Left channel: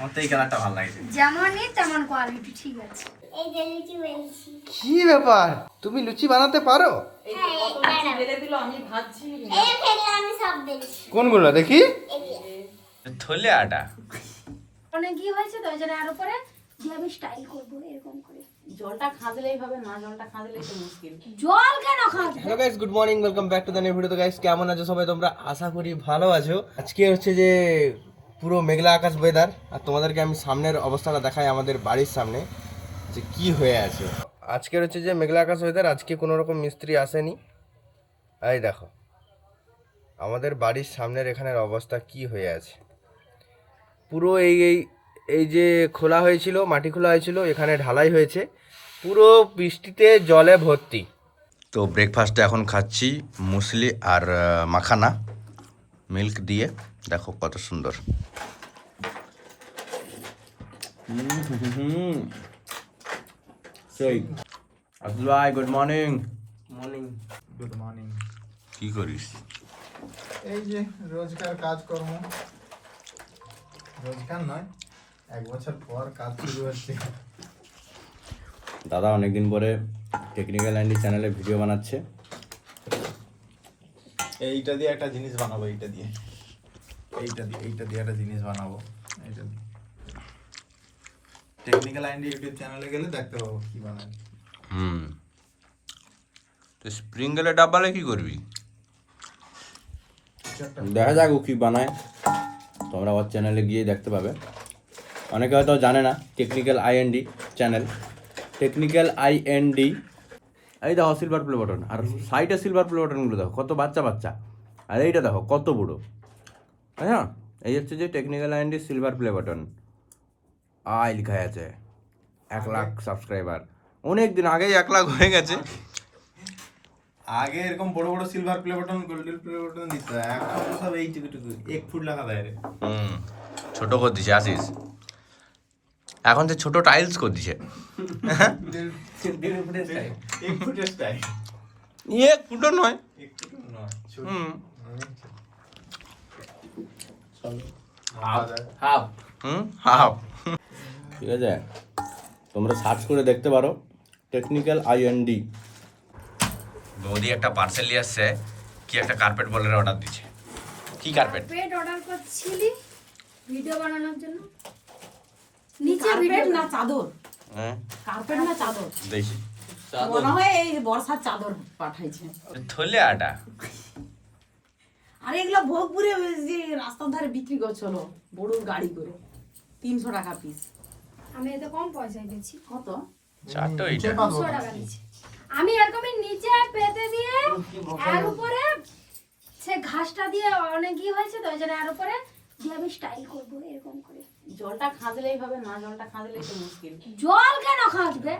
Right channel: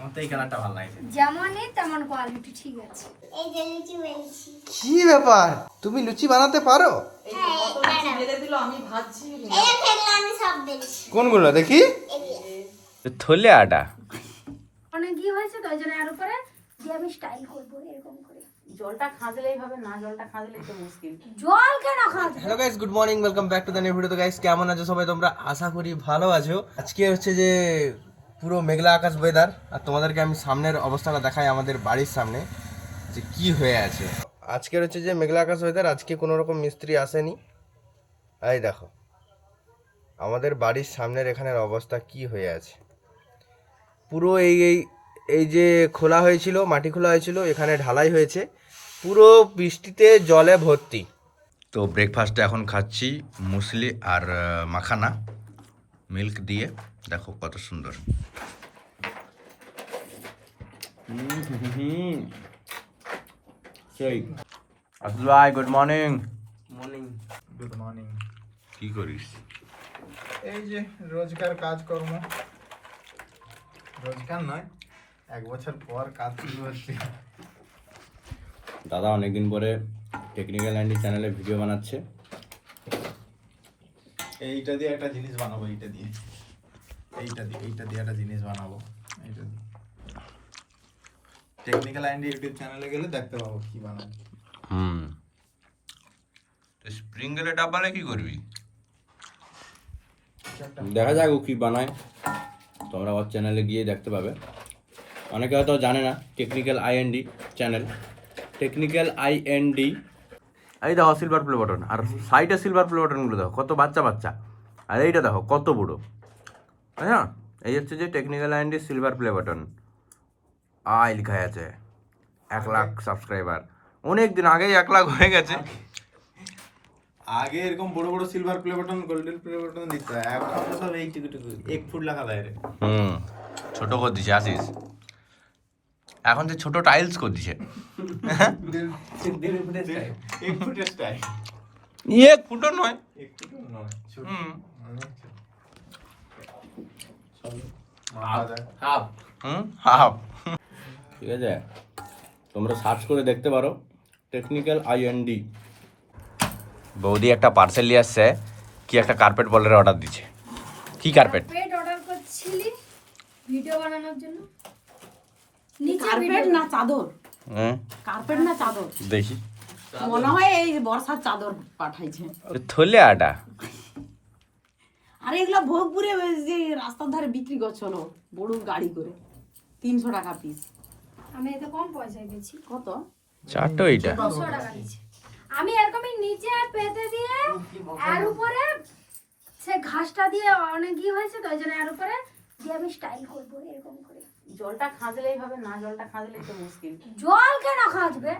আমার তো এই কালারটা ভালো লাগছে। যেমনই তেমন কোয়ালিটি, ঠিক আছে। এই যে লুচি বেলছি। কি ব্যাপার, তুমি লুচি বানাতে পারো? হ্যাঁ, কত লুচি বেলে দিল, আমি ভাজছি। এই ফেলে আমি সব বেলছি। কোনগুলো দেখি? এই যে। থলে আটা মানে কি হয়েছে তো, ওই জন্য আরো পরে দিয়ে আমি স্টাইল করবো এরকম করে। জলটা খাঁজলেই হবে না, জলটা খাঁজলেই তো মুশকিল। জল কেন খাস? Hello guys, good morning, welcome back to the new video. তো গাইস, কেমন আছো সবাই তোমরা? আশা করি ভালো আছো। আজকে হচ্ছে যে পুরো মেঘলা আকাশ ওয়েদার, আর তোমাদেরকে আমি সামনের অবস্থাটা দেখাই, আমাদের বাড়ির সামনে যে কি হয়ে আছে। আজকের হচ্ছে যে মেঘলা আকাশ ওয়েদার, আজকে কোনো রকম মিস্ত্রি আসেনি। এই দেখো আমাদের বাড়ির সামনের এখানের অবস্থা কি হয়ে আছে। পুরো এই এই এই যে খোলা হয়েছিল, মাটি খোলা হয়েছিল, এখানে ঢালাই হয়েছে, পুরো বৃষ্টিতে জলে ভর্তি। তো ব্রেকফাস্টে এখন খাচ্ছি মুসলি আর মাখানা মিল্ক দিয়ে। দেখো কত সুন্দর। সেই আসল ভাই, good morning. Morning, good morning. কি করিস? এই যে রোজকার কাজকর্ম, রোজকার নয়, 1 বছর পর কাজ শুরু হচ্ছে। দাদা অনেকদিন পরে টেকনিক্যাল অ্যান্ডি চ্যানেলে ভিডিও বানাচ্ছে। এইটা দিয়ে একটা জিনিস বানাবো, এইটা দিয়ে একটা জিনিস বানাবো। এইটা দিয়ে টেকনিক্যাল আইডি ইউটিউব চ্যানেলে গেলে দেখতে পাবো কি বানাই। তো স্প্রিং গেলে ডাব্বালে কি করবি? দেখা যাক ও কি বানায়, তোমরা ওর চ্যানেলে গিয়ে দেখতে পাবে। অনেকে হয়তো জানে না technical IND channel, technical IND. এই দেখো সিলভার প্লে বাটন, আর সাইডে সিলভার প্লে বাটনগুলো দেখো কত বাচ্চা বাচ্চা, আর এইটা দেখো কত বুড়ো। হ্যাঁ, এই হচ্ছে যে technical IND silver play button. I লেখা আছে 1 লাখ সাবস্ক্রাইবার। অনেক দিন আগেই 1 লাখ হয়ে গেছে। আগে এরকম বড় বড় silver play button, golden play button দিত, এখন তো সব এইটুকু 1 ফুট লাগা দেয় রে। ছোট করে দিছে আসিস, এখন তো ছোট টাইলস করে দিছে। 1 ফুটের স্টাইল, 1 ফুটও নয়। 1 ফুট নয়। Half half. ঠিক আছে, তোমরা সার্চ করে দেখতে পারো টেকনিক্যাল আইএনডি। বৌদি একটা পার্সেল নিয়ে আসছে, কি একটা কার্পেট বলের অর্ডার দিচ্ছে। কি কার্পেট? কার্পেট অর্ডার করছিলি ভিডিও বানানোর জন্য? নিচে ভিডিও কার্পেট না চাদর? হুম, কার্পেট না চাদর? দেখি। মনে হয় এই বর্ষার চাদর পাঠাইছে। থলে আটা। আর এগুলা ভোগপুরে ওই যে রাস্তার ধারে বিক্রি করছিল বড় গাড়ি করে, 300 টাকা পিস। আমি এত কম পয়সায় পেয়েছি। কত? চারটো এইটা। 200 টাকা দিয়েছি আমি। এরকমই নিচে পেতে দিয়ে এর উপরে সে ঘাসটা দিয়ে অনেক কি হয়েছে তো, ওই জন্য এর উপরে দিয়ে আমি স্টাইল করবো এরকম করে। জলটা খাঁজলেই হবে না, জলটা খাঁজলেই তো মুশকিল। জল কেন খাসবে?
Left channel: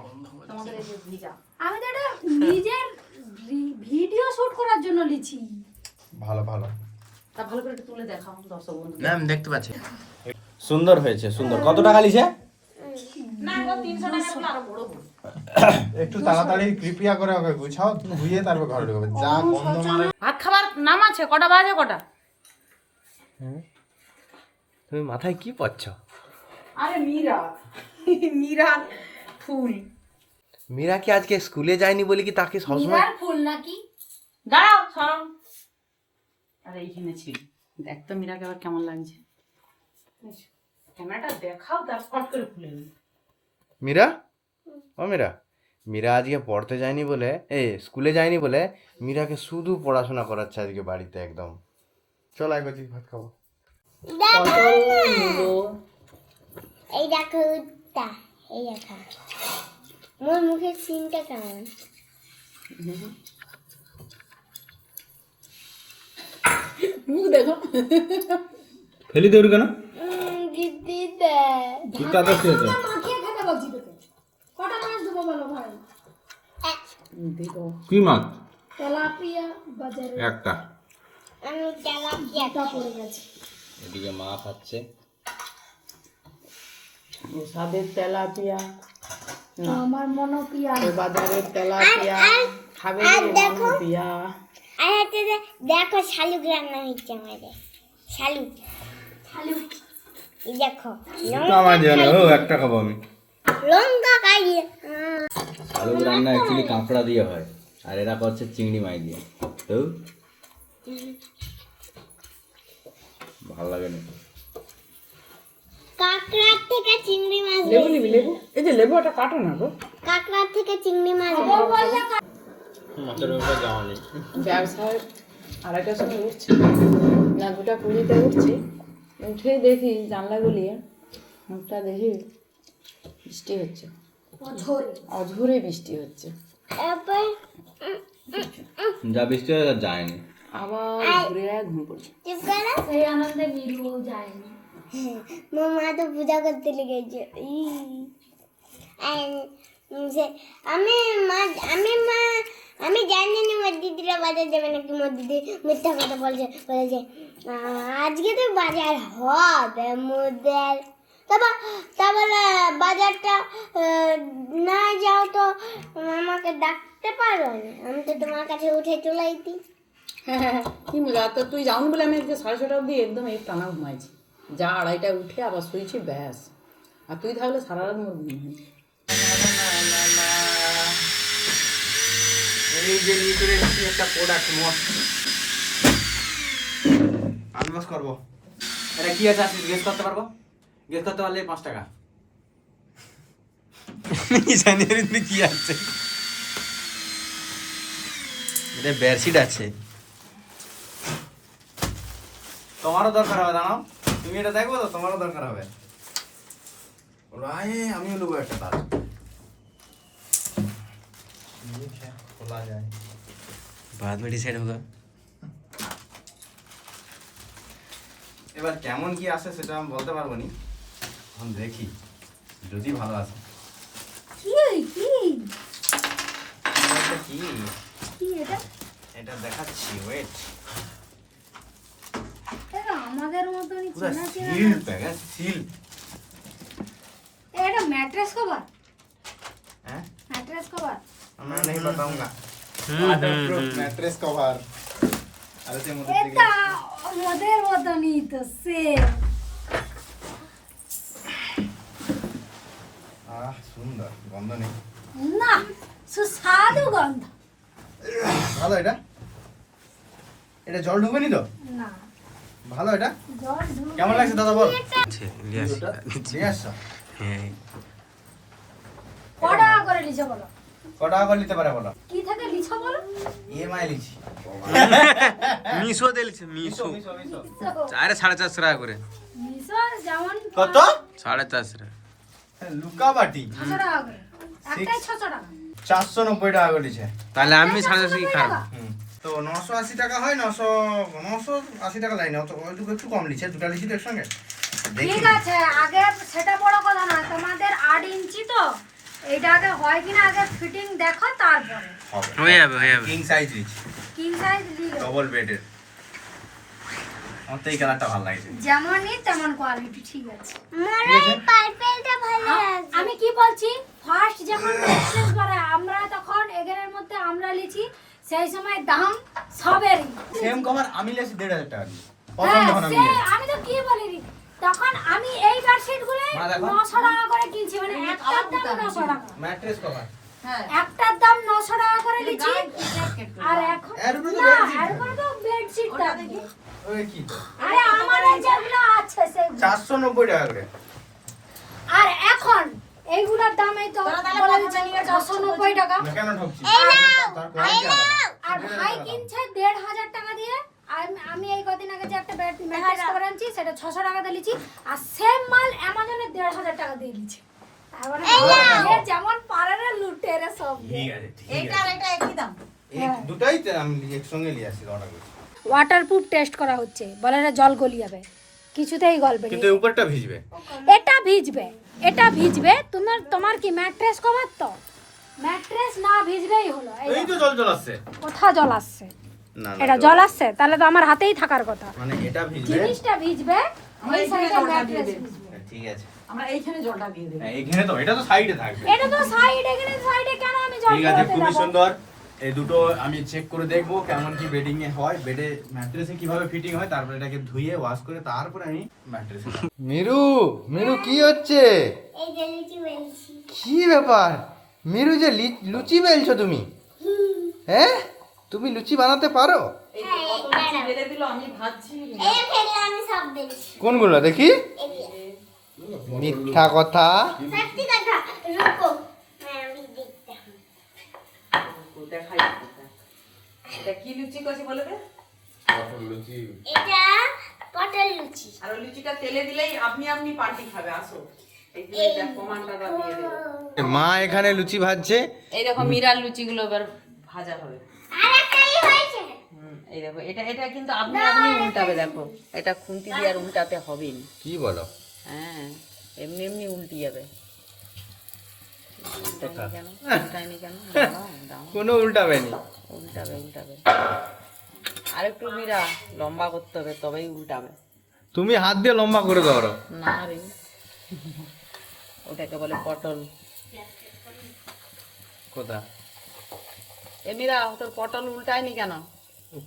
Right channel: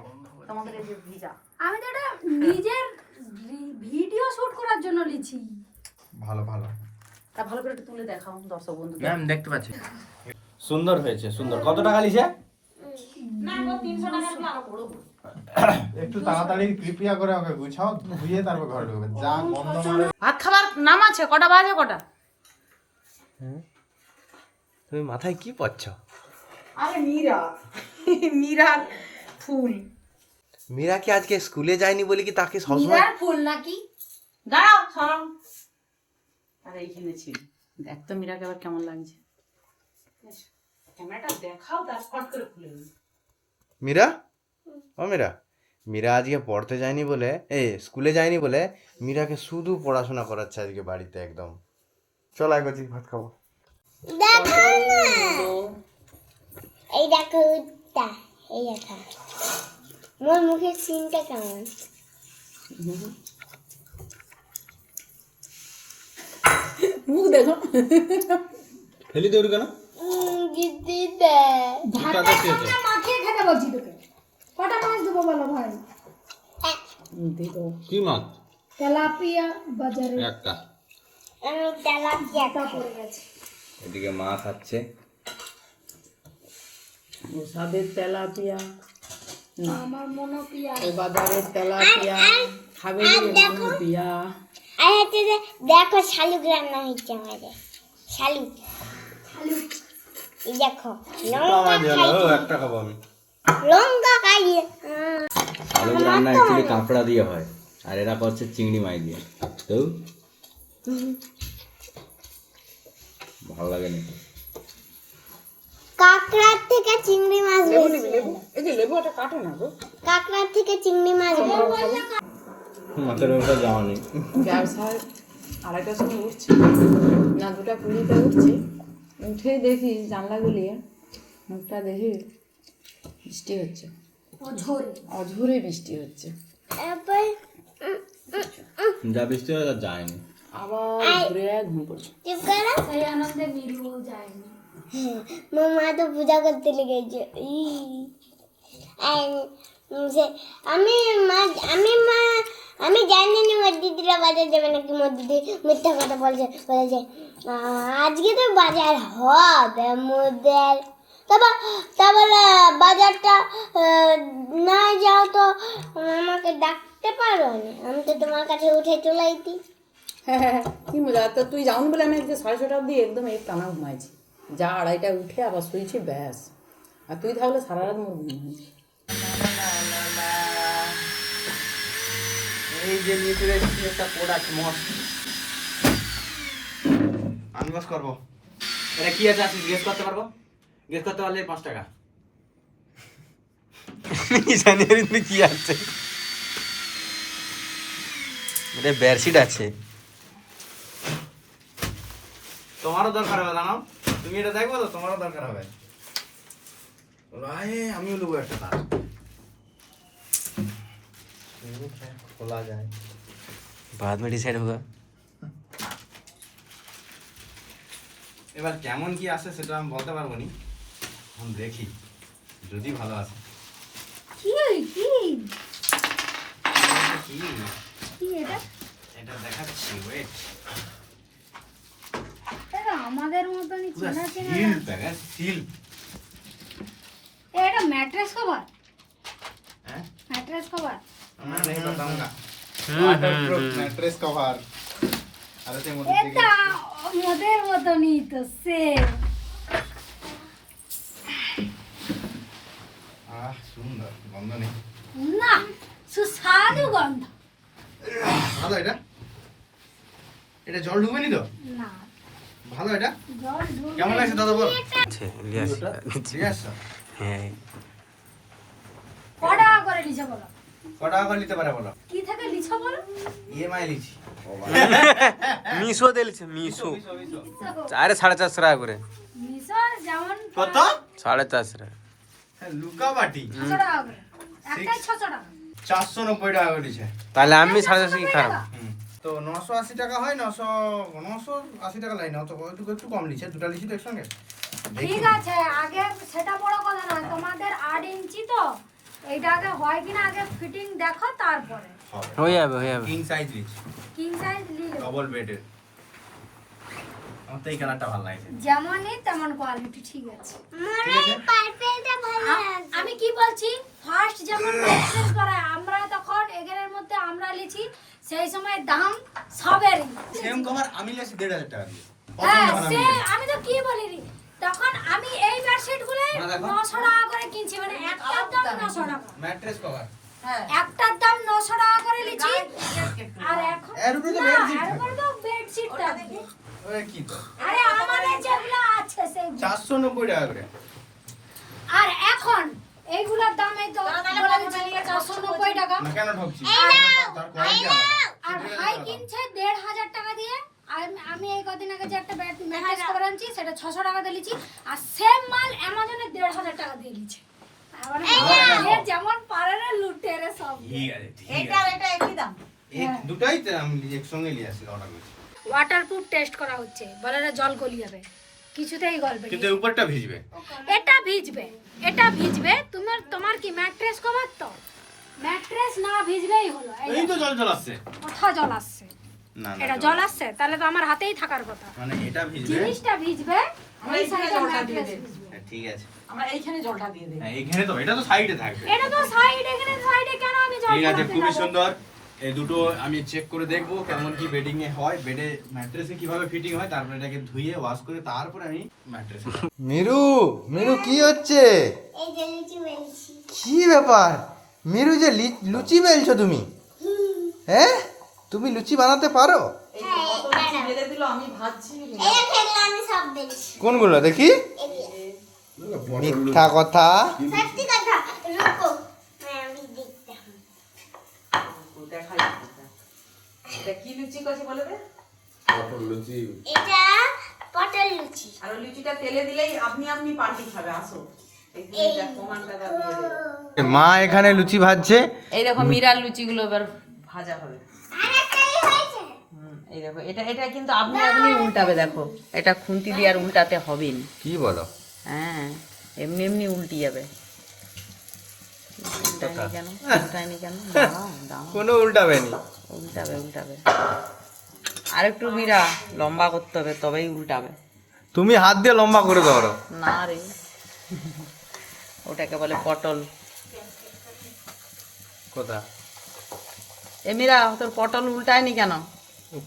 তোমাদের এই যে ভিজা। আমি তো এটা নিজের ভিডিও শুট করার জন্য লিছি। ভালো ভালো। তা ভালো করে একটু তুলে দেখাও দর্শক বন্ধু। ম্যাম দেখতে পাচ্ছি, সুন্দর হয়েছে, সুন্দর। কত টাকা লিছে? না গো, 300 টাকা গুলো আরো বড় বড়। একটু তাড়াতাড়ি কৃপা করে ওকে গুছাও, ধুইয়ে তারপর ঘরে ঢুকবে। যা গন্ধ মারে। ভাত খাবার নাম আছে, কটা বাজে কটা? তুমি মাথায় কি পড়ছ? আরে মীরা, মীরার ফুল। মীরা কি আজকে স্কুলে যায়নি বলে কি তাকে সবসময়? মীরার ফুল নাকি? দাঁড়াও সরম। আরে এইখানে ছিল, দেখ তো মীরাকে আবার কেমন লাগছে। ক্যামেরাটা দেখাও, তার ফট করে খুলে নি। মীরা, ও মীরা, মীরা আজকে পড়তে যায়নি বলে, স্কুলে যায়নি বলে মীরাকে শুধু পড়াশোনা করাচ্ছে আজকে বাড়িতে একদম। চল আয় বাজি, ভাত খাবো। দেখো না। এই দেখো উত্তা, এই দেখো। মোর মুখের সিনটা কেমন? মুখ দেখো। ফেলি দেউর কেন? দিদি দে। মাখিয়ে খেতে বলছি তোকে। কটা মাছ দেবো বলো ভাই? কি মাছ? তেলাপিয়া বাজারে একটা। আমি তেলাপিয়াটা পড়ে গেছে। এদিকে মা খাচ্ছে। ওসাদের তেলাপিয়া, আমার মনোপিয়া। ওই বাজারের তেলাপিয়া খাবে মনোপিয়া। আর হচ্ছে যে দেখো শালুক রান্না হয়েছে আমাদের। শালুক। শালুক। এই দেখো তো আমার জন্য একটা খাবো আমি। লঙ্কা খাইয়ে আলু রান্না অ্যাকচুয়ালি কাঁকড়া দিয়ে হয় আর এরা করছে চিংড়ি মাছ দিয়ে তো ভালো লাগে না কাঁকড়ার থেকে চিংড়ি মাছ লেবু বেশি নিবি লেবু, এই যে লেবুটা কাটো না গো। কাঁকড়ার থেকে চিংড়ি মাছ বেশি। মাছের ব্যাপারে জামা নেই। ব্যবসায় 2:30টার সময় উঠছি না 2:20 উঠছি, উঠে দেখি জানলা গলিয়ে মুখটা দেখি বৃষ্টি হচ্ছে, অঝোরে বৃষ্টি হচ্ছে। এরপর যা বৃষ্টি হয় তা যায়নি আবার ঘুরে ঘুম পড়ছে। চুপ করো। সেই আনন্দে মিরু যায়নি। মামা তো পূজা করতে লেগেছে। আমি জানি না মোর দিদিরা বাজার যাবে নাকি। মোর দিদি মিথ্যা কথা বলেছে আজকে তো বাজার হবে মোদের। তারপরে বাজারটা না যাও তো আমাকে ডাকতে পারো না, আমি তো তোমার কাছে উঠে চলে আইতি। হ্যাঁ কি মজা। তো তুই যাওনি বলে আমি আজকে 6:30 অবধি একদম এই টানা ঘুমাইছি, যা 2:30টায় উঠে আবার শুয়েছি ব্যাস। আর তুই থাকলে সারা রাত মোর ঘুম হয়েছে। এই যে নিয়ে চলে এসেছি একটা প্রোডাক্ট মস্ত আনবক্স করবো। এটা কি আছে আপনি গেস করতে পারবো? গেস করতে পারলে 5 টাকা। জানি এর ভিতরে কি আছে। এটা বেডশিট আছে। তোমারও দরকার হবে জানো, তুমি এটা দেখবো তো তোমারও দরকার হবে। ভাই আমিও নেবো একটা তার খোলা যায়। बाद में डिसाइड होगा। এবার কেমন কি আসে সেটা আমি বলতে পারবো নি, আমি দেখি যদি ভালো আসে। কি কি এটা কি কি এটা? এটা দেখাচ্ছি, ওয়েট। এটা আমাদের মতনই পুরো চেনা চেনা সিল না। Pack, seal. এটা ম্যাট্রেস কভার, হ্যাঁ ম্যাট্রেস কভার। मैं नहीं बताऊंगा। मैट्रेस कवर আর এর মধ্যে এটা আমাদের মতনই তো সেম। সুন্দর, গন্ধ নেই। না সুস্বাদু গন্ধ। ভালো এটা, এটা জল ঢুকেনি তো? না ভালো এটা, জল ঢুকে কেমন লাগছে দাদা বল। আছে ইলিয়াস। ঠিক আছে, হ্যাঁ কটা করে লিছো বলো? কত টাকা করে নিতে পারে বলো? কি থেকে লিছো বলো? ইএমআই লিখছি। মিশো দিলছে মিশো। আরে 450 টাকা করে। লিছো যেমন কত? 450 টাকা। লুকা বাটি 600 টাকা করে। একটাই 600 টাকা। 490 টাকা করে দিছে। তাহলে আমি 450 কি খারাপ? তো 980 টাকা হয়, 980 টাকা লাইন তো একটু কম লিছে, দুটো লিছি তো একসঙ্গে। দেখি ঠিক আছে, আগে সেটা বড় কথা না, তোমাদের 8 ইঞ্চি তো এইটা আগে হয় কিনা আগে ফিটিং দেখো তারপরে। হয়ে যাবে হয়ে যাবে। কিং সাইজ লিছি, কিং সাইজ লিও, ডবল বেডের। আমার তো এই কালারটা ভালো লাগছে। যেমনই তেমন কোয়ালিটি। ঠিক আছে, মোর এই পার্পেলটা ভালো লাগছে। আমি কি বলছি, ফার্স্ট যখন ম্যাট্রেস বানায় আমরা তখন এখানের মধ্যে আমরা লিছি, সেই সময় দাম সবেরই সেম কভার আমি লিছি 1,500 টাকা দিয়ে। হ্যাঁ, প্রথম যখন আমি সে আমি তো কি বলিনি, তখন আমি এই বেডশিট গুলো মা দেখো। 900 টাকা করে কিনছি, মানে একটার দাম 900 টাকা, ম্যাট্রেস কভার একটার দাম 900 টাকা করে লিছি। আর এখন এর উপরে তো না, bedsheet এরপর তো বেডশিট থাকবে। ওই কি তো আরে আমাদের যেগুলো আছে সেগুলো। 490 টাকা করে। আর এখন এইগুলোর দাম এই তো বলে দিচ্ছি 490 টাকা। না কেন ঠকছি? তার কোয়ালিটি আলাদা। আর ভাই কিনছে 1,500 টাকা দিয়ে। আর আমি এই কদিন আগে যে একটা ম্যাট্রেস কভার আনছি সেটা 600 টাকা দিয়ে লিছি, আর সেম মাল অ্যামাজনে 1,500 টাকা দিয়ে লিছি। তার মানে যে যেমন পারে না লুটে রে সব। ঠিক আছে, ঠিক এটা আছে। আর এটা একই দাম। এই দুটাই তো আমি একসঙ্গে নিয়ে আসছি, অর্ডার করছি। ওয়াটারপ্রুফ টেস্ট করা হচ্ছে, বলে না জল গলিয়ে যাবে, কিছুতেই গলবে না। কিন্তু এই উপরটা ভিজবে। এটা ভিজবে, এটা ভিজবে। তোমার কি ম্যাট্রেস কভার তো, ম্যাট্রেস না ভিজলেই হলো। এই তো জল আসছে। কোথাও জল আসছে? না এটা জল আসছে, তাহলে তো আমার হাতেই থাকার কথা। মানে এটা ভিজবে। জিনিসটা ভিজবে, আমরা এই এইখানে সাইডে জলটা দিয়ে ম্যাট্রেস দিই। ভিজবে। ঠিক আছে। আমরা এইখানে জলটা দিয়ে দেব। হ্যাঁ এইখানে তো, এটা তো সাইডে থাকবে। এটা তো সাইড, এখানে সাইডে কেন আমি জল ঠিক আছে, গলাতে খুবই যাবো? সুন্দর। এই দুটো আমি চেক করে দেখবো কেমন কি বেডিং এ হয়, বেডে ম্যাট্রেসে কিভাবে ফিটিং হয়, তারপরে এটাকে ধুয়ে ওয়াশ করে তারপরে আমি ম্যাট্রেসে। মিরু, মিরু কি হচ্ছে? এই যে লুচি বেলছি। কি ব্যাপার মিরু, যে লুচি বেলছো তুমি? হ্যাঁ, তুমি লুচি বানাতে পারো? এই তো কত লুচি বেলে দিল, আমি ভাজছি। এই ফেলে আমি সব বেলছি। কোনগুলো দেখি? মিথ্যা কথা। সত্যি কথা, রুকো আমি দেখতে হবে। দেখাই এটা কি লুচি কছে বলে রে? এটা পটল লুচি। আর ওই লুচিটা তেলে দিলেই আপনি আপনি পাল্টি খাবে। আসো এই যে প্রমাণটা দিয়ে দেব। মা এখানে লুচি ভাজছে। এই দেখো মিরার লুচিগুলো এবার ভাজা হবে। আর একটাই হয়েছে। এই দেখো এটা এটা কিন্তু আপনি আপনি উল্টাবে। দেখো এটা খুন্তি দিয়ে আর উল্টাতে হবে না। কি বলো? হ্যাঁ, এমনি এমনি উল্টি যাবে। কেন উল্টায়নি কেন? দাঁড়াও দাঁড়াও, কোনো উল্টাবে নি। উল্টাবে উল্টাবে। আর একটু মিরা লম্বা করতে হবে, তবেই উল্টাবে। তুমি হাত দিয়ে লম্বা করে দাও। না রে, ওটাকে বলে পটল। কোথা? এ মিরা, তোর পটল উল্টায়নি কেন?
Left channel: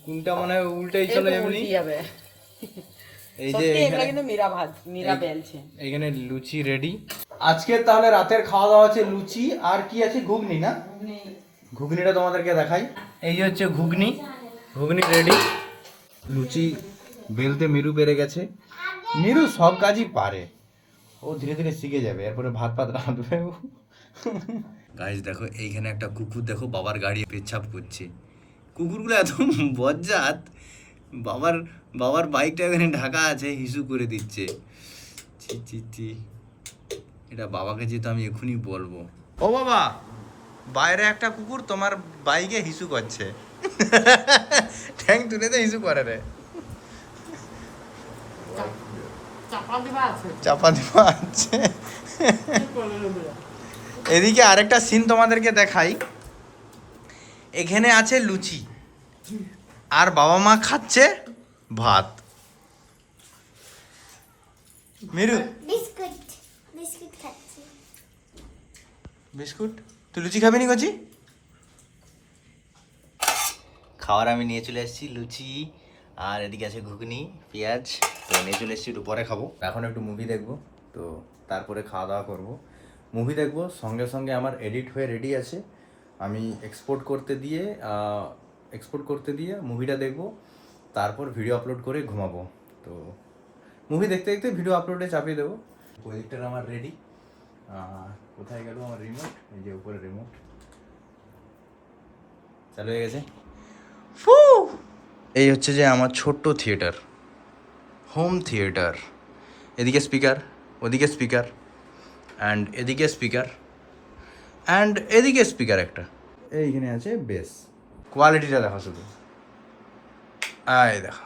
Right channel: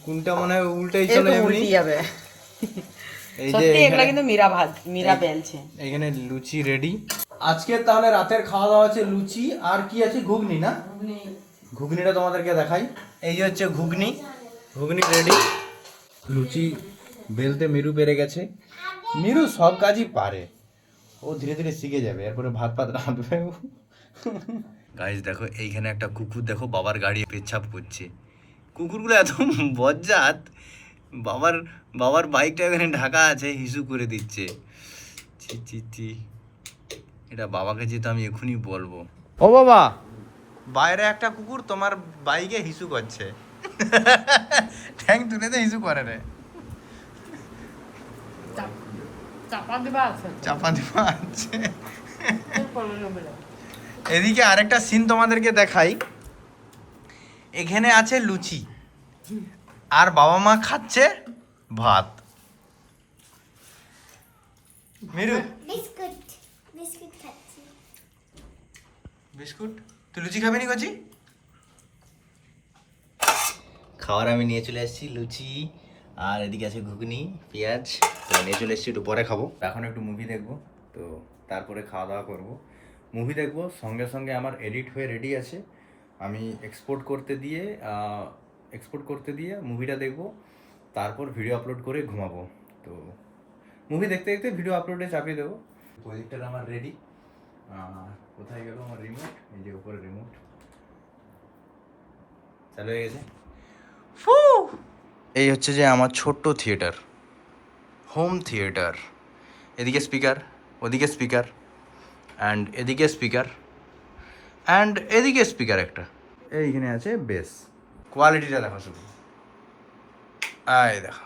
কোনটা মনে হয় উল্টাই এই চলে তো এমনি। উল্টি যাবে। এই যে সত্যি এগুলা কিন্তু মীরা বেলছে। এখানে লুচি রেডি। আজকে তাহলে রাতের খাওয়া দাওয়া আছে লুচি আর কি আছে, ঘুগনি না? ঘুগনিটা তোমাদেরকে দেখাই। এই যে হচ্ছে ঘুগনি, ঘুগনি রেডি। লুচি বেলতে মিরু পেরে গেছে। মিরু সব কাজই পারে, ও ধীরে ধীরে শিখে যাবে, এরপরে ভাত ফাত রাঁধবে। গাইস দেখো, এইখানে একটা কুকুর দেখো বাবার গাড়ি পেচ্ছাপ করছে। কুকুরগুলো এত বজ্জাত, বাবার বাইকটা এখানে ঢাকা আছে, হিসু করে দিচ্ছে। ছি ছি ছি, এটা বাবাকে যেহেতু আমি এখনই বলবো। ও বাবা, বাইরে একটা কুকুর তোমার বাইকে হিসু করছে। ঠ্যাং তুলে তো হিসু করে রে। চাপা দিবা আছে। চাপা দেওয়া আছে। এদিকে আরেকটা সিন তোমাদেরকে দেখাই। এখানে আছে লুচি আর বাবা মা খাচ্ছে ভাত। মিরু বিস্কুট বিস্কুট খাচ্ছি। বিস্কুট, তুই লুচি খাবি নি কচি? খাওয়ার আমি নিয়ে চলে এসেছি লুচি, আর এদিকে আছে ঘুগনি পেঁয়াজ। তো নিয়ে চলে এসেছি, একটু পরে খাবো। এখন একটু মুভি দেখবো, তো তারপরে খাওয়া দাওয়া করবো। মুভি দেখবো, সঙ্গে সঙ্গে আমার এডিট হয়ে রেডি আছে। আমি এক্সপোর্ট করতে দিয়ে মুভিটা দেখবো, তারপর ভিডিও আপলোড করে ঘুমাবো। তো মুভি দেখতে দেখতে ভিডিও আপলোডে চাপিয়ে দেবো। প্রজেক্টর আমার রেডি। কোথায় গেল আমার রিমোট? এই যে উপরে রিমোট চালু হয়ে গেছে। এই হচ্ছে যে আমার ছোট্ট থিয়েটার, হোম থিয়েটার। এদিকে স্পিকার, ওদিকে স্পিকার, অ্যান্ড এদিকে স্পিকার, অ্যান্ড এদিকে স্পিকার একটা। এইখানে আছে বেস। কোয়ালিটিটা দেখো শুধু, আয় দেখো,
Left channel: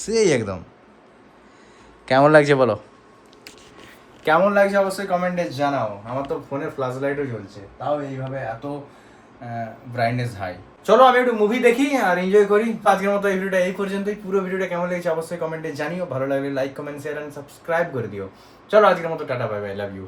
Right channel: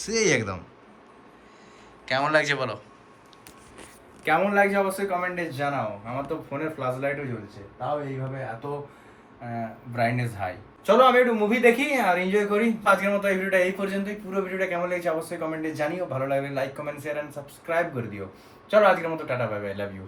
সেই একদম। কেমন লাগছে বলো? কেমন লাগছে অবশ্যই কমেন্টে জানাও। আমার তো ফোনের ফ্ল্যাশ লাইটও জ্বলছে, তাও এইভাবে এত ব্রাইটনেস হাই। চলো আমি একটু মুভি দেখি আর এনজয় করি। আজকের মতো এই ভিডিওটা এই পর্যন্তই। পুরো ভিডিওটা কেমন লেগেছে অবশ্যই কমেন্টে জানিও। ভালো লাগলে like, comment, share and subscribe করে দিও। চলো আজকের মতো টাটা, বাই বাই, লাভ ইউ।